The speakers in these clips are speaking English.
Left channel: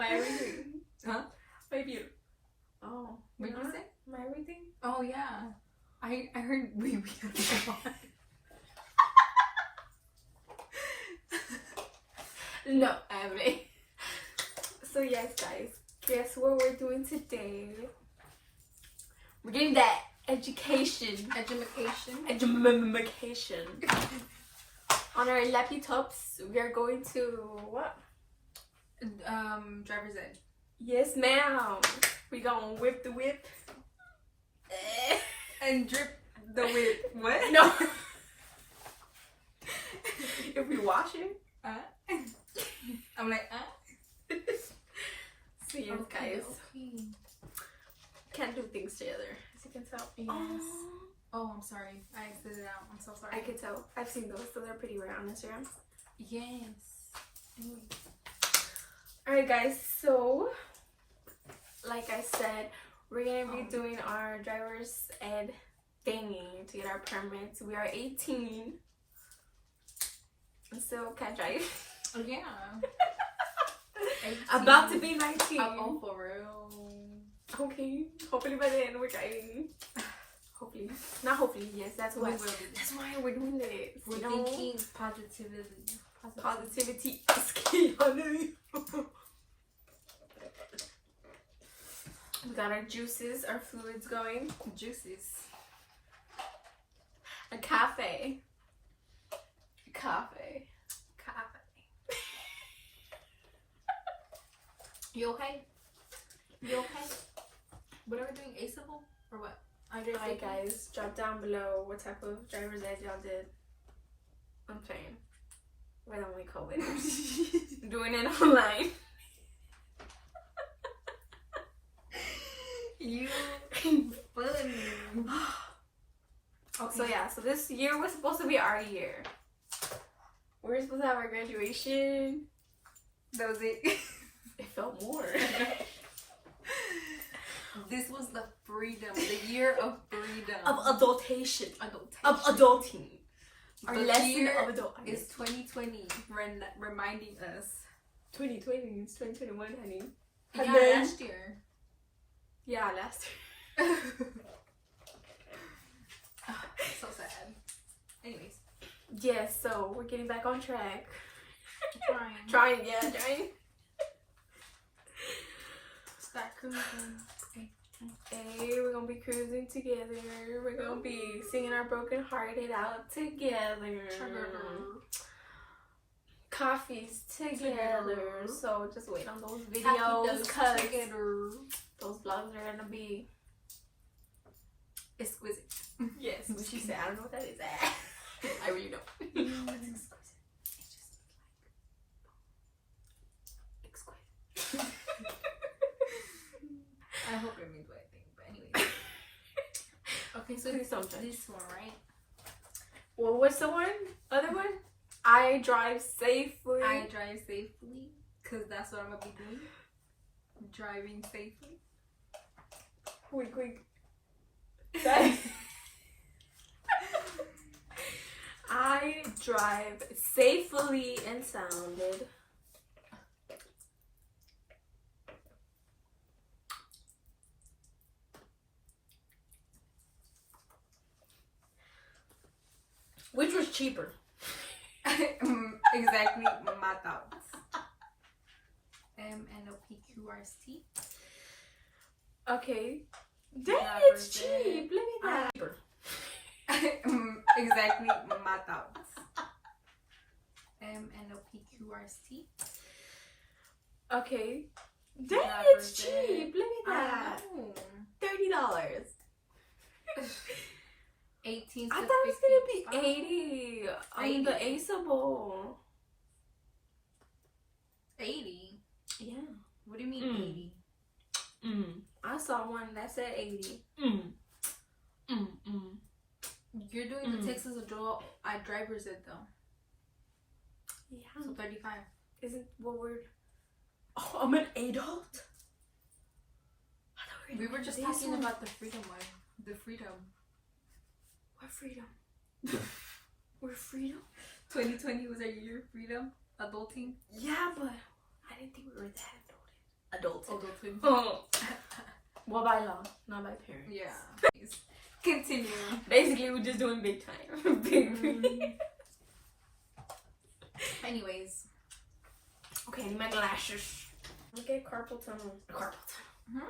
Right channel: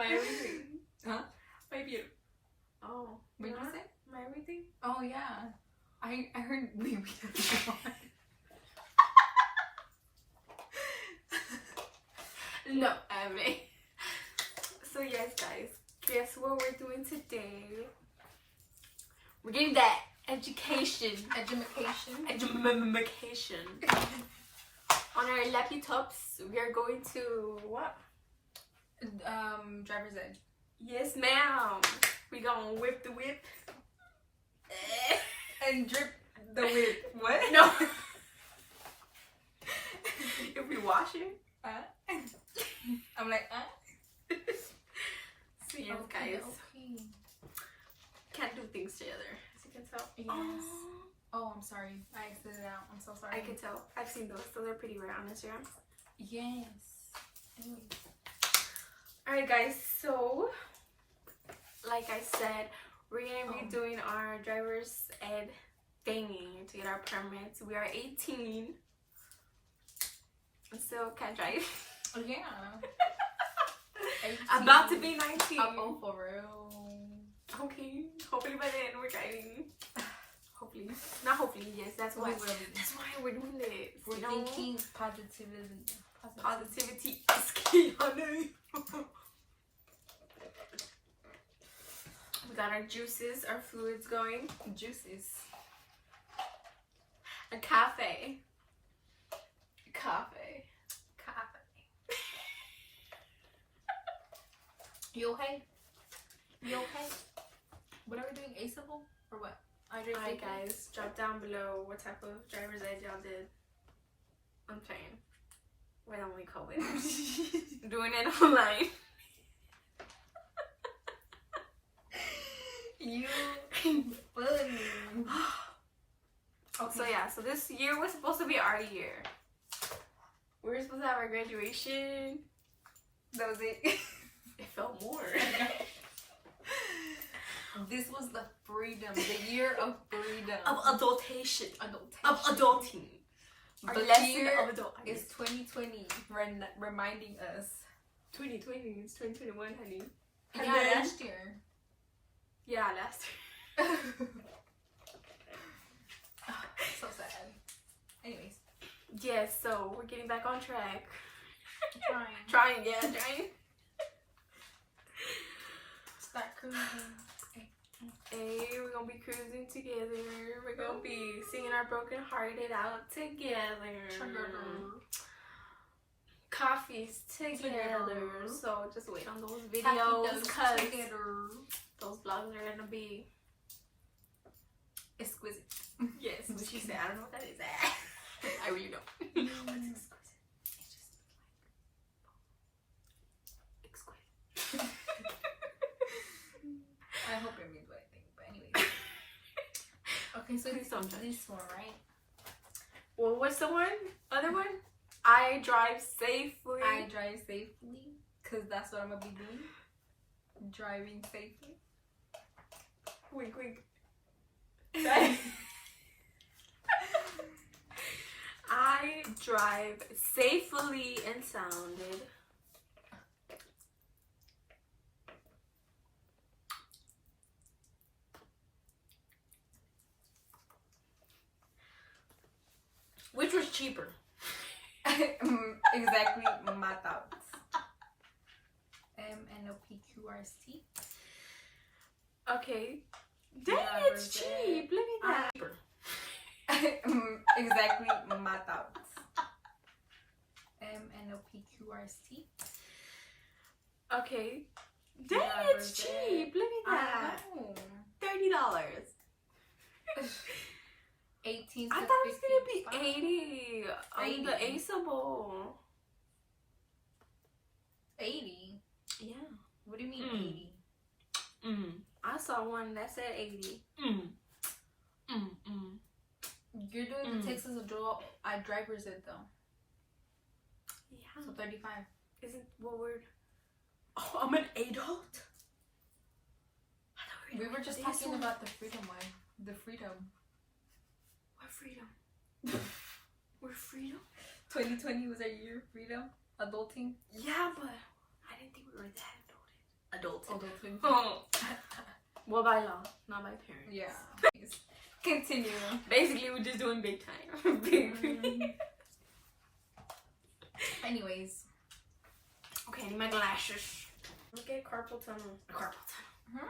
My everything. Huh? My beauty. Oh. What did you say? My everything? Oh, yeah. I heard we No, everything. So yes, guys. Guess what we're doing today? We're getting that education. Education. On our laptops, we are going to what? Driver's Ed. Yes, ma'am. We gonna whip the whip. And drip the whip. What? No. If we wash it. I'm like, So yes, guys. Okay. Can't do things together, as you can tell. Yes. Oh, I'm sorry. I exited it out. I'm so sorry. I can tell. I've seen those, so they're pretty rare on Instagram. Yes. Anyway. Alright, guys. So, like I said, we're gonna be doing our driver's ed thingy to get our permits. We are 18. So can't drive. Yeah. About to be 19. Oh, for real. Okay. Hopefully by then we're driving. Hopefully. Not hopefully, yes. That's why. That's why we're doing this. We're you know? thinking positivity. Positivity is key, honey. We got our juices, our fluids going. Juices. A cafe. You okay? You okay? What are we doing? A-Civil? Or what? Alright, guys. Drop down below what type of driver's ed y'all did. I'm saying. We're the only co-winners. Doing it online. You funny. Okay. So yeah, so this year was supposed to be our year. We were supposed to have our graduation. That was it. It felt more. This was the freedom, the year of freedom. Of adultation. Adultation. Of adulting. Our The lesson year of adulting. is 2020, reminding us. 2020 is 2021, honey. Yeah, And then- last year. Yeah, last year. So sad. Anyways. Yes, so we're getting back on track. Trying. Trying. Start cruising. Hey, we're gonna be cruising together. We're gonna be singing our broken hearted out together. Coffees together. So just wait on those videos because those vlogs are gonna be exquisite. Yes, what she said. I don't know what that is. I really don't. What's exquisite? It's just exquisite. I hope it means what I think, but anyway. Okay, so Please don't judge. this one, right? Well, what's the one? Other one? I drive safely. I drive safely, because that's what I'm going to be doing. Driving safely. Wink, wink. That- I drive safely and sounded. Which was cheaper? Exactly my thoughts. MNOPQRST. Okay. Dang, Yeah, it's right cheap. Look at that. Cheaper. Exactly my thoughts. MNOPQRST. Okay. Dang, Yeah, it's right there. cheap. Look at that. $30. 18 I to thought it was 50. gonna be 80 on the 80. Aceable. 80? Yeah. What do you mean 80? I saw one that said 80. You're doing the Texas Adult driver's ed though. Yeah. So 35. Isn't what word? Oh, I'm an adult. I thought We were just this talking one. about the freedom one. The freedom. What freedom? We're freedom? 2020 was our year of freedom. Adulting. Yeah, but I didn't think we were that adulted. adulthood. Adulthood. Oh. Well, by law, not by parents. Yeah. Continue. Basically, we're just doing big time. Big. Anyways. Okay, I need my glasses. Look at carpal tunnel. Carpal tunnel.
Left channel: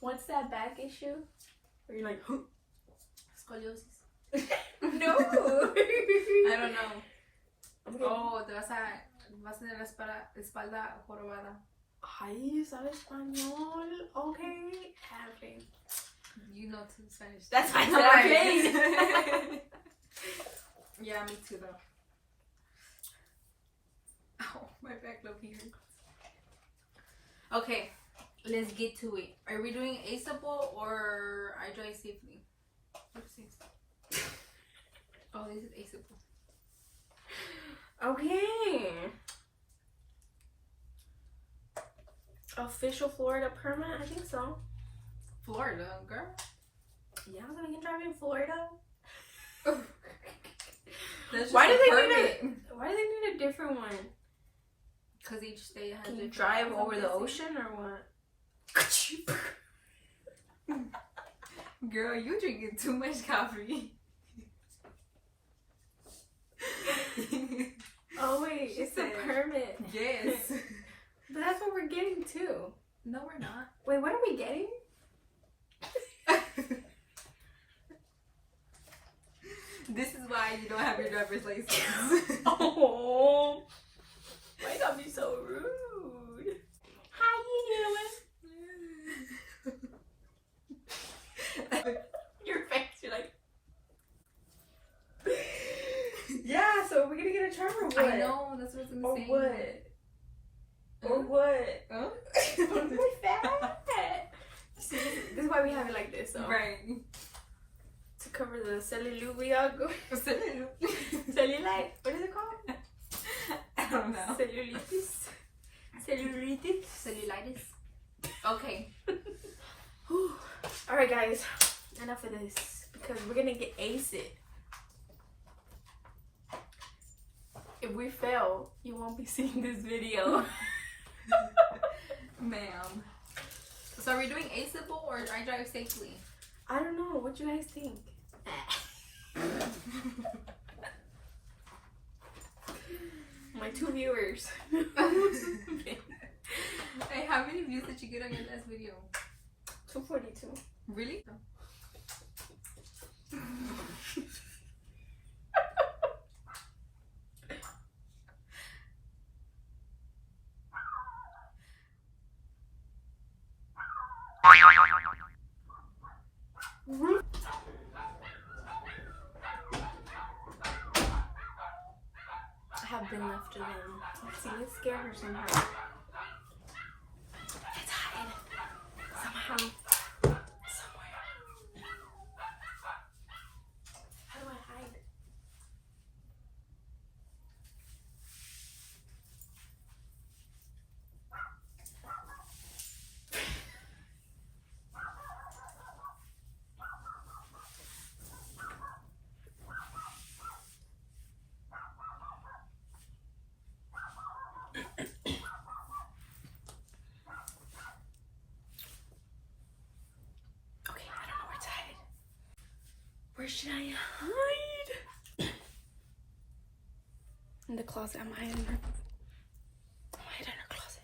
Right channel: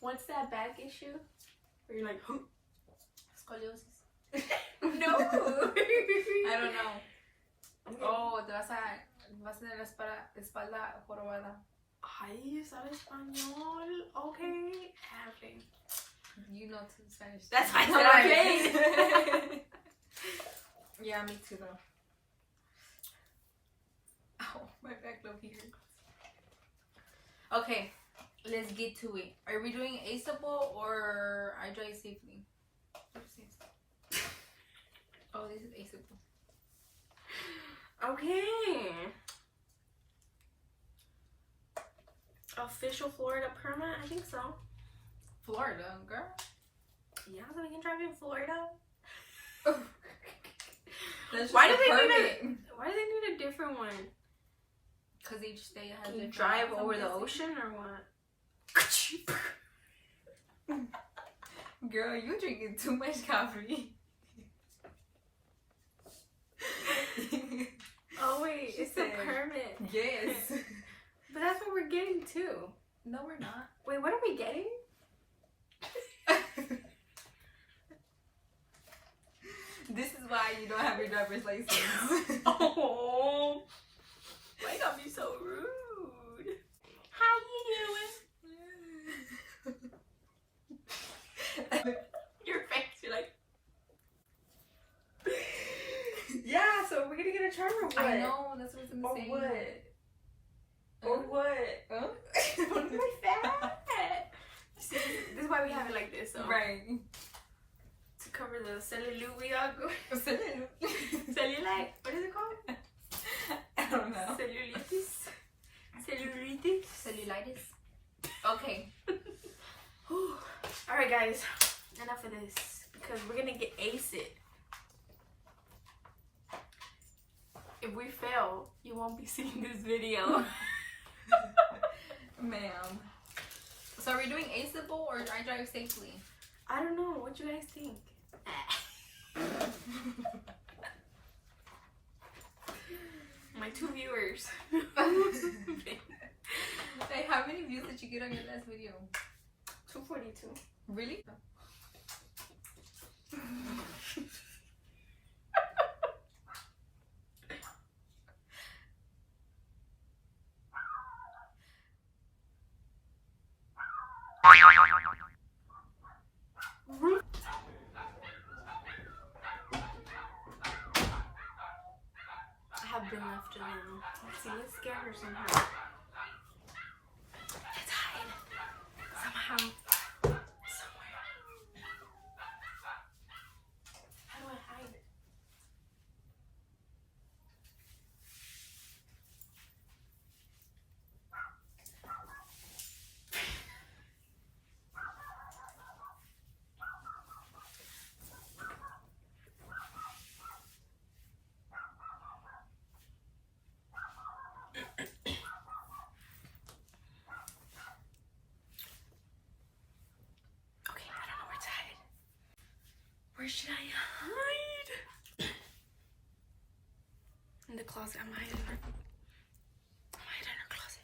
What's that back issue? Where you're like, Scoliosis. no. I don't know. Okay. Oh, vas a tener la espalda jorobada. Ay, ¿sabes español? Okay. Halfling. You know to Spanish. That's why I'm playing. Yeah, me too though. Oh, my back love here. Okay, let's get to it. Are we doing aceable or I drive safely? What's this? Oh, this is aceable. Okay. Official Florida permit? I think so. Florida, girl. Yeah, so we can drive in Florida. Why do they need a different one? Because each state has. Can you different drive laws, over I'm the guessing. ocean or what? Girl, you drinking too much coffee. Oh wait, She it's a said, permit. Yes. But that's what we're getting too. No, we're not. Wait, what are we getting? This is why you don't have your driver's license. Oh, why you gotta be so rude? How you doing? Your face, you're like. Yeah, so we're gonna get a charger or what? I know, that's what I'm Or saying. what? Or what? Huh? Don't be fat. See, this is why we have it like this, so. Right. To cover the cellulite we all go. Cellulite. What is it called? I don't know. Cellulitis. Cellulitis. Cellulitis. Okay. Alright, guys. Enough of this. Because we're gonna get ace it. If we fail, you won't be seeing this video. Ma'am. So are we doing aceable or I drive safely? I don't know. What you guys think? My 2 viewers. Hey, how many views did you get on your last video? 242. Really? I have been left alone. Let's see, let's scare her somehow. Let's hide. Somehow. Somewhere. How do I hide? Okay, I don't know where to hide. Where should I hide? In the closet. I'm hiding in her. I'm hiding in her closet.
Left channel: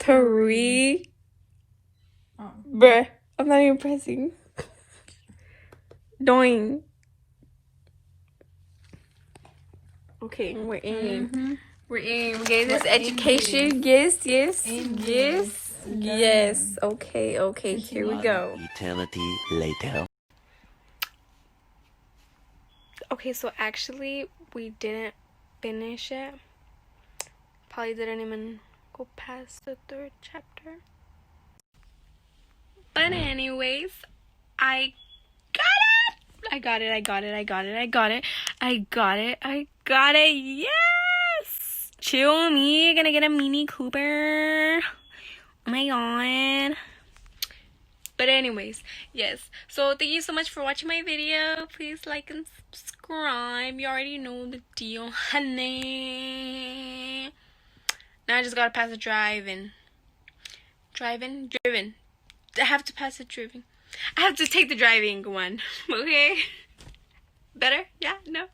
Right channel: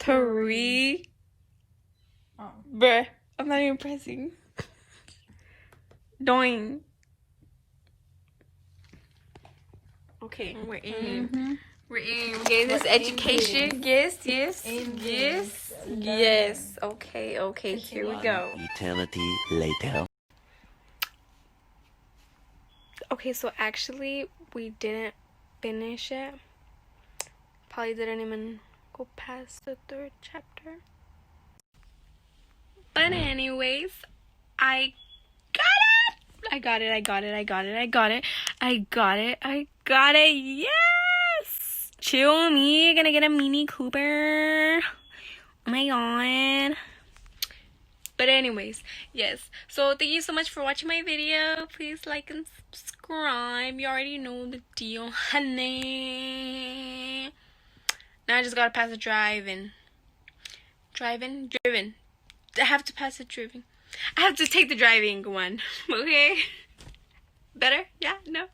3. Bruh, I'm not even pressing. Doing. Okay, we're in. We're in. We're getting this education. Yes. Okay, here we go. Eternity later. Okay, so actually, we didn't finish it. Probably didn't even go past the 3rd chapter. But anyways, I got it. Yes! Chill me. Gonna get a Mini Cooper. Oh my god. But anyways, yes. So thank you so much for watching my video. Please like and subscribe. You already know the deal, honey. Now I just gotta pass the driven. I have to pass the driving. I have to take the driving one. Okay? Better? Yeah? No?